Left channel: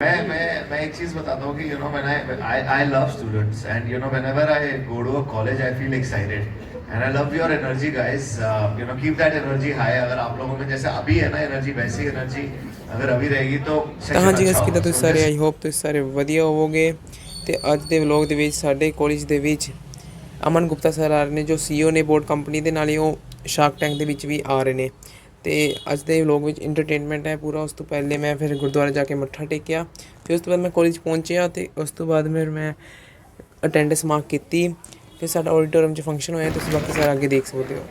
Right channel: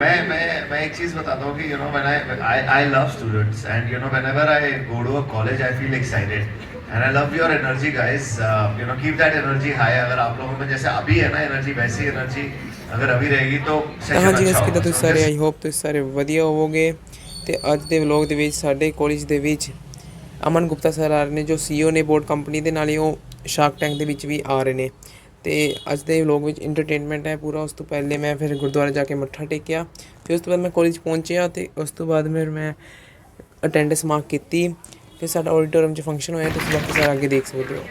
मैं एक चीज बताता हूँ कि when I love students and whenever I go to a college I feel excited and I love your energy guys. Keep that energy high. अगर आप लोगों में जैसे अभी है ना एनर्जी, वैसी एनर्जी अगर अभी रहेगी तो ਤਾਂ सेशन ਹਾਂਜੀ अच्छा ਗਾਇਸ ਕਿੱਦਾਂ होगा। ਤੁਸੀਂ सो ਸਾਰੇ जस्ट ਆਈ ਹੋਪ ਤੁਸੀਂ ਸਾਰੇ ਵਧੀਆ ਹੋਵੋਗੇ। ਤੇ ਅੱਜ ਦੇ ਵਲੌਗ ਦੇ ਵਿੱਚ ਸਾਡੇ ਕਾਲਜ ਦੇ ਵਿੱਚ ਅਮਨ ਗੁਪਤਾ ਸਰ ਆ ਰਹੇ ਨੇ ਜੋ ਸੀਈਓ ਨੇ ਬੋਰਡ ਕੰਪਨੀ ਦੇ, ਨਾਲ ਹੀ ਉਹ ਸ਼ਾਰਕ ਟੈਂਕ ਦੇ ਵਿੱਚ ਵੀ ਆ ਰਹੇ ਨੇ। ਤੇ ਅੱਜ ਦੇ ਵਲੌਗ ਵਿੱਚ ਇੰਟਰਟੇਨਮੈਂਟ ਹੈ ਪੂਰਾ। ਉਸ ਤੋਂ ਪਹਿਲੇ ਮੈਂ ਫਿਰ ਗੁਰਦੁਆਰੇ ਜਾ ਕੇ ਮੱਥਾ ਟੇਕਿਆ, ਫਿਰ ਉਸ ਤੋਂ ਬਾਅਦ ਮੈਂ ਕਾਲਜ ਪਹੁੰਚਿਆ ਤੇ ਉਸ ਤੋਂ ਬਾਅਦ ਫਿਰ ਮੈਂ ਅਟੈਂਡੈਂਸ ਮਾਰਕ ਕੀਤੀ। ਫਿਰ ਸਾਡਾ ਆਡੀਟੋਰੀਅਮ 'ਚ ਫੰਕਸ਼ਨ ਹੋਇਆ, ਤੁਸੀਂ ਬਾਕੀ ਸਾਰਾ ਅੱਗੇ ਦੇਖ ਸਕਦੇ ਹੋ।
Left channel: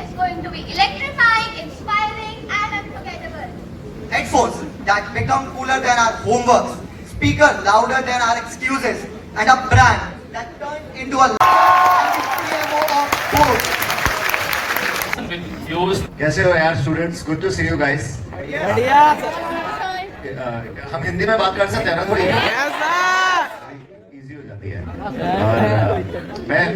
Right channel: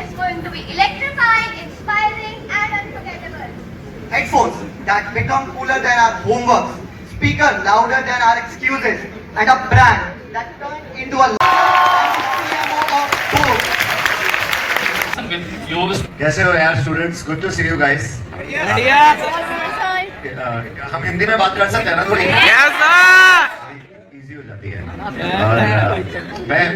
Is going to be electrifying, inspiring, and unforgettable. Headphones that become cooler than our homeworks, speaker louder than our excuses, and a brand that turned into a CMO of both. कैसे हो यार students? Good to see you guys. हम हिंदी में बात कर सकते हैं ना थोड़ी? इजी हो जाती है। और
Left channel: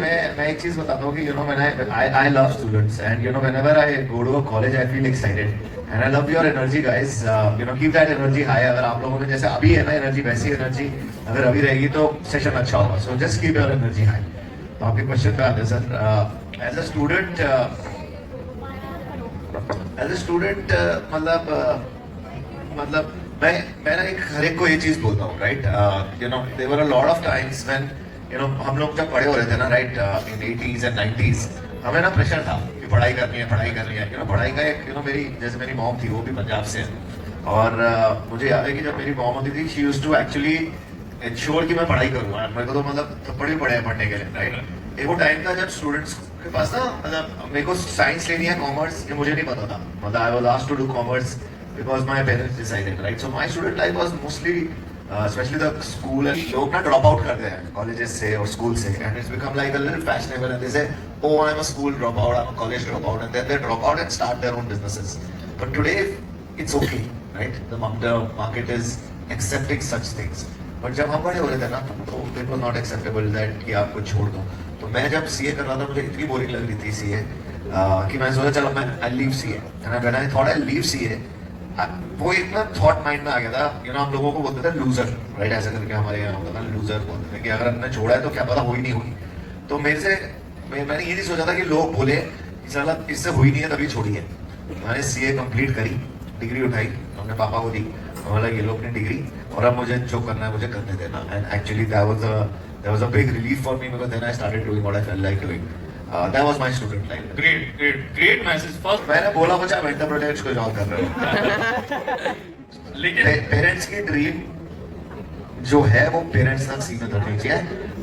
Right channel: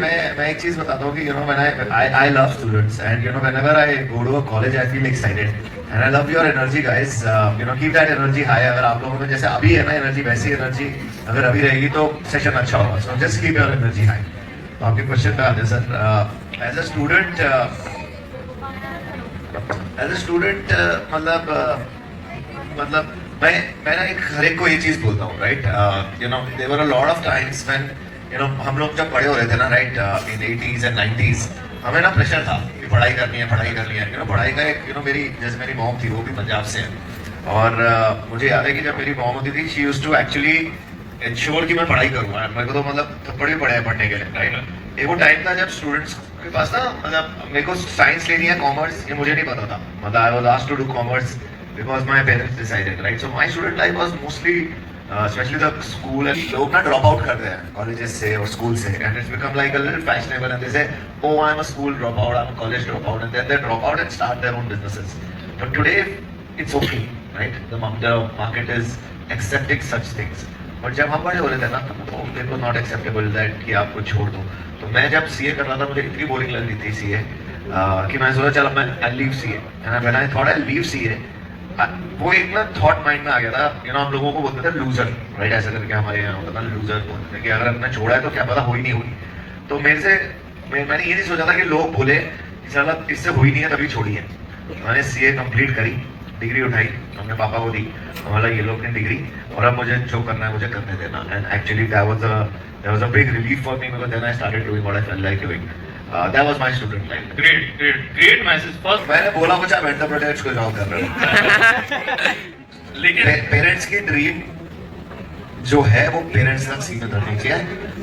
मैं एक चीज बताता हूँ कि when I love students and whenever I go to a college I feel excited and I love your energy guys. Keep that energy high. अगर आप लोगों में जैसे अभी है ना एनर्जी, वैसी एनर्जी अगर अभी रहेगी तो सेशन अच्छा होगा। So just keep your energy high. तो आपके क्वेश्चन पे आते सर। एज अ स्टूडेंट मतलब मैं ना एक हर एक को ये चीज बोलता हूँ, right? There were a lot of times when हम लोग जब बड़े हो रहे थे ना, right, in 80s and 90s, हमें ना प्रेशर था कि पढ़ाई करनी है, पढ़ाई करनी है। पढ़ाई का एक मेरी जैसे मेरी मॉम थी, वो भी पंजाब से है। और मुझे याद है कि जब मेरी मॉम होती थी, she used to actually ensure कि मैं पढ़ाई करूँगा। मेरे को तो मतलब थप्पड़ भी पड़े हैं पढ़ने के लिए, राइट? एक वो टाइम था जब स्टूडेंट्स के पास ना, मतलब मेरे को साइंस लेनी है, कॉमर्स, ये मुझे नहीं पता था। मतलब I was asked to do commerce because my parents decided, right? So my student life was mostly especially the school, and लोग ना drop out करते हैं colleges से और school से, and it's become like a little fashionable, and they say, oh, I'm a school dropout, I'm a college dropout, and then they drop out and start their own businesses. But today it's okay, right? The market is accepting such things. But जब हम बड़े हो रहे थे ना, तो it was not acceptable that कि आपको छोड़ दो। तो मैं जब CA कर रहा था, मुझे इतनी बोरिंग लग रही थी CA कि मैं सोचा चलो मैं I'll leave CA, and when I thought I'll leave CA, वो एक ना थॉट माइंड में आ गया था। हम लोगों को बोलते थे लूजर, राइट? ऐसा करके हमारे यहाँ होता था, लूजर बोलते थे कि अगर हमने छोड़ा है तो क्या पता हुई नहीं हुई। तो मेरे से मैंने ये नहीं सोचा था कि लोग बोले कि साला इससे हुई नहीं है तभी छोड़ी है। मैंने CA कंप्लीट करी, डिग्री उठाई, हमने पापा को दी, बोला ये लो अपनी डिग्री, और अब मुझे जो करना है मुझे करने देना। And actually that was a big relief for me, because then I started doing what I felt like doing. That was my student life. Great message. First, मैंने बोला मुझे आप एंटरप्रेन्योर्स को जॉब कर रहे हो। लेकिन पेरेंट्स की ड्रीम जो है वो पेरेंट्स तक सीमित रखनी चाहिए।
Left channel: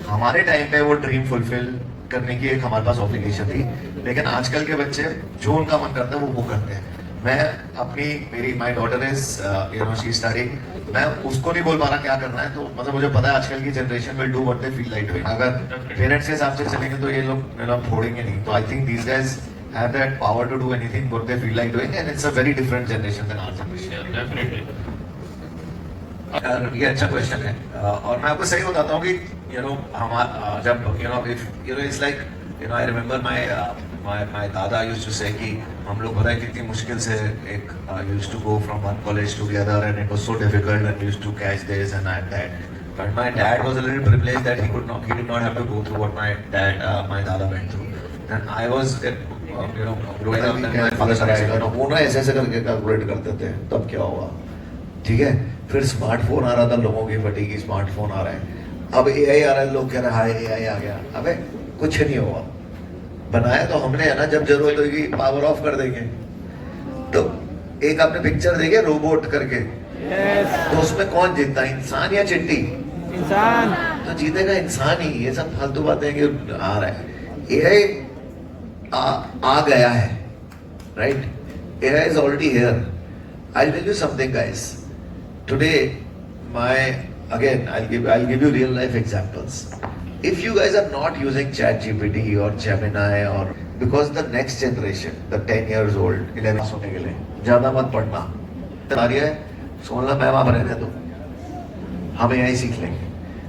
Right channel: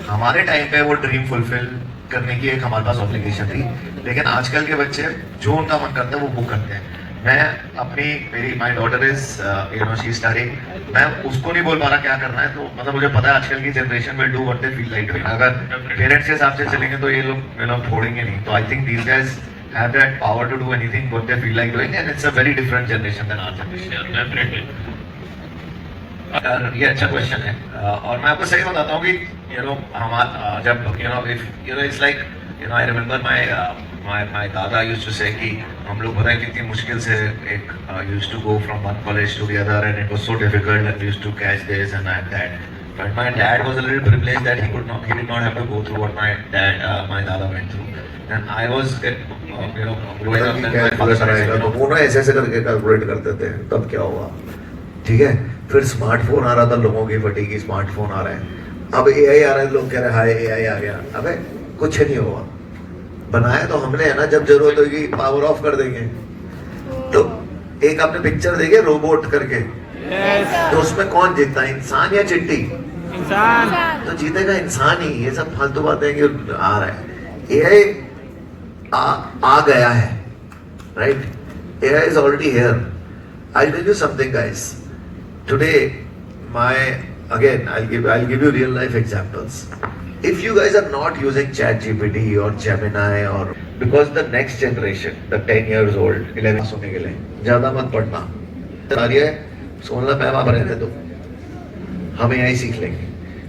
हमारे टाइम पे वो ड्रीम फुलफिल करने की एक हमारे पास ऑब्लिगेशन थी, लेकिन आजकल के बच्चे जो उनका मन करता है वो करते हैं। मैं अपनी मेरी my daughter is she studying, मैं उसको नहीं बोल पा रहा क्या करना है। तो मतलब मुझे पता है आजकल की generation will do what they feel like doing. अगर पेरेंट्स के हिसाब से चलेंगे तो ये लोग छोड़ेंगे नहीं। तो I think these guys have that power to do anything what they feel like doing, and it's a very different generation than our generation. definitely. ये अच्छा क्वेश्चन है। और मैं आपको सही बताता हूँ कि हमारा जब it's like I remember my दादा used to say कि हम लोग पता है कितनी मुश्किल से एक used to go from one college to the other, and it was so difficult, and we used to catch this and that. But my dad was a little privileged that he did not have to go through what my dada went through. And I was growing up, and my father started वो ना ऐसे ऐसे करके calculate करते थे तब क्या होगा, ठीक है? फिर स्मार्टफोन आ रहा था, लोगों की फटी की स्मार्टफोन आ रहे हैं, अब AI आ रहा है, लोग कह रहे हैं हाय AI आ गया। अबे कुछ नहीं होगा, बनाया तो हमने है ना, जब जरूरत होगी पावर ऑफ कर देंगे। तो एक आपने पिक्चर देखी रोबोट करके, तो उसमें कौन जीतता है, इंसान या चिट्टी? इंसान। तो जीतेगा इंसान ही। ये सब फालतू बातें कि आ रहा है AI आ गया है, right? AI is already here. I'll tell you something, guys. Today, I'll give you real life examples. If you guys are not using ChatGPT or Gemini, or because the next generation, the 10 years old, 11 सोने के लिए ज्यादा मत पढ़ना, सुन ला मैं वहां रहने दो। हम एआई सीख लेंगे।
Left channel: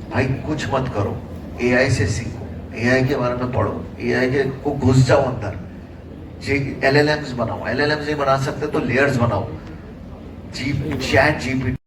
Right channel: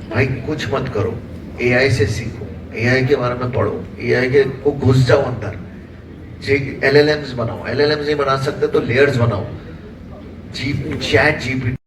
भाई कुछ मत करो, एआई से सीखो, एआई के बारे में पढ़ो, एआई के को घुस जाओ अंदर। एलएलएम्स बनाओ, एलएलएम्स नहीं बना सकते तो लेयर्स बनाओ। Chat GPT